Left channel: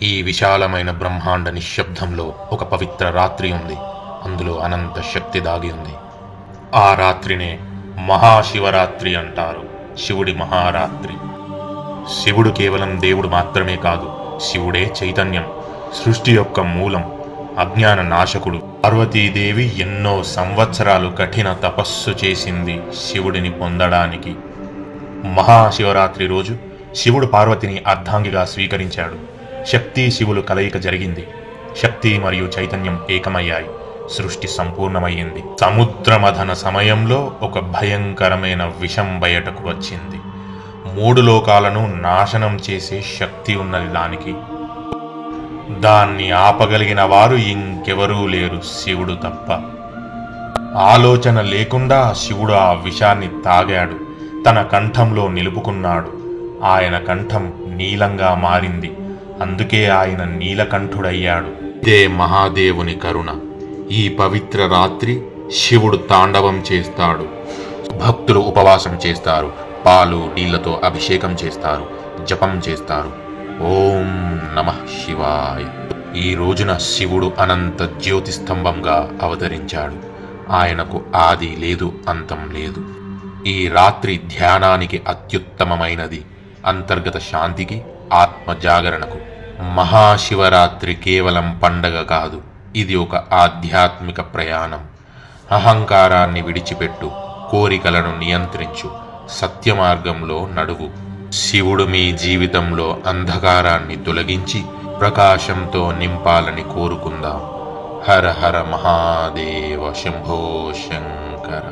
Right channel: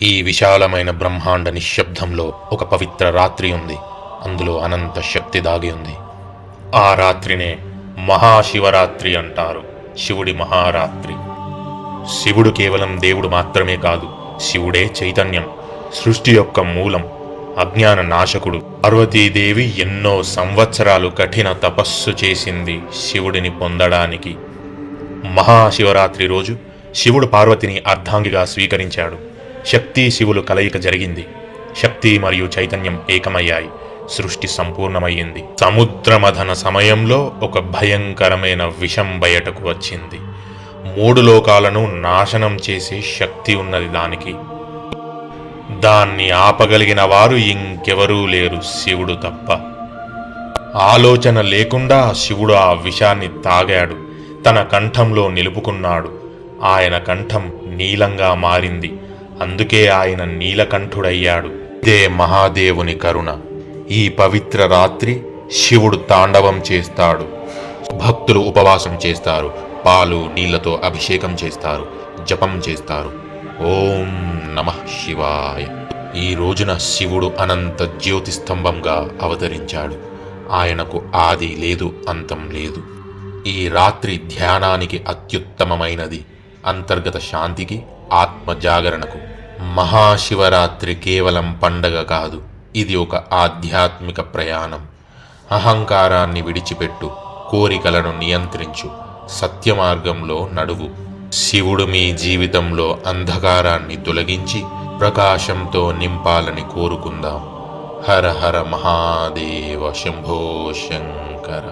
ఈ విశాలమైన బ్రహ్మాండ నిశ్శబ్దంలో ఒక పవిత్ర రాత్రి ఉంది. అందులో అనంత శక్తి దాగి ఉంది. ఆ రాత్రినే మహాశివరాత్రి అంటారు. శివుడి మహారాత్రి. శివుడు కేవలం దేవుడు మాత్రమే కాదు, శివుడే చైతన్యం, సృష్టి యొక్క మూలం, అజ్ఞాన నాశకుడు. పార్వతీదేవి ఎన్నో సంవత్సరాలు కఠిన తపస్సు చేసింది శివుడిని పొందడానికి. మహాశివరాత్రి రోజు శివుడు పార్వతిని అర్ధాంగిగా స్వీకరించాడు. శక్తి శివులు కలయిక జరిగింది. శక్తి మరియు చైతన్యం ఏకమయ్యాయి. సృష్టి సంపూర్ణమయ్యింది. సముద్రమథన సమయంలో ఒక భయంకరమైన విషం బయటకు వచ్చింది. 3 లోకాలను నాశనం చేసే శక్తి ఉన్నది దానికి. దాన్ని ఆపగలిగిన వారు ఇంకెవరూ లేరు, శివుడు తప్ప. ఆలోచన లేకుండా శివుడు ఆ విషాన్ని తాగాడు. తన కంఠంలో నిలుపుకున్నాడు. ఆయన కంఠం నీలంగా మారింది. అందుకే ఆయన నీలకంఠుడయ్యాడు. ఇదే మహాదేవుని కరుణ. ఈ పవిత్ర రాత్రి శివుడు తాండవం చేస్తాడు. భక్తులు ఉపవాసం చేస్తారు. పాలు నీళ్లతో అభిషేకం చేస్తారు. జపం చేస్తారు. ఓం నమః శివాయ. ఈ రోజున శివుడు అనంత జ్యోతిస్తంభంగా అవతరించాడు. ఆయనకు ఆది లేదు, అంతం లేదు. ఈ రాత్రి ధ్యానానికి అత్యుత్తమమైనది. అంతర్గత శాంతికి, ఆత్మ జాగరణకు. మహాశివరాత్రి కేవలం పండగ కాదు, ఇది ఒక ఆధ్యాత్మిక ప్రయాణం. అహంకారాన్ని విడిచిపెట్టు, కోరికలను నియంత్రించు, సత్యమార్గంలో నడువు. శివుడు మీ జీవితంలో అంధకారాన్ని తొలగించి ప్రకాశంతో నింపాలని కోరుకుందాం. హర హర మహాదేవ, శంభో శంకర.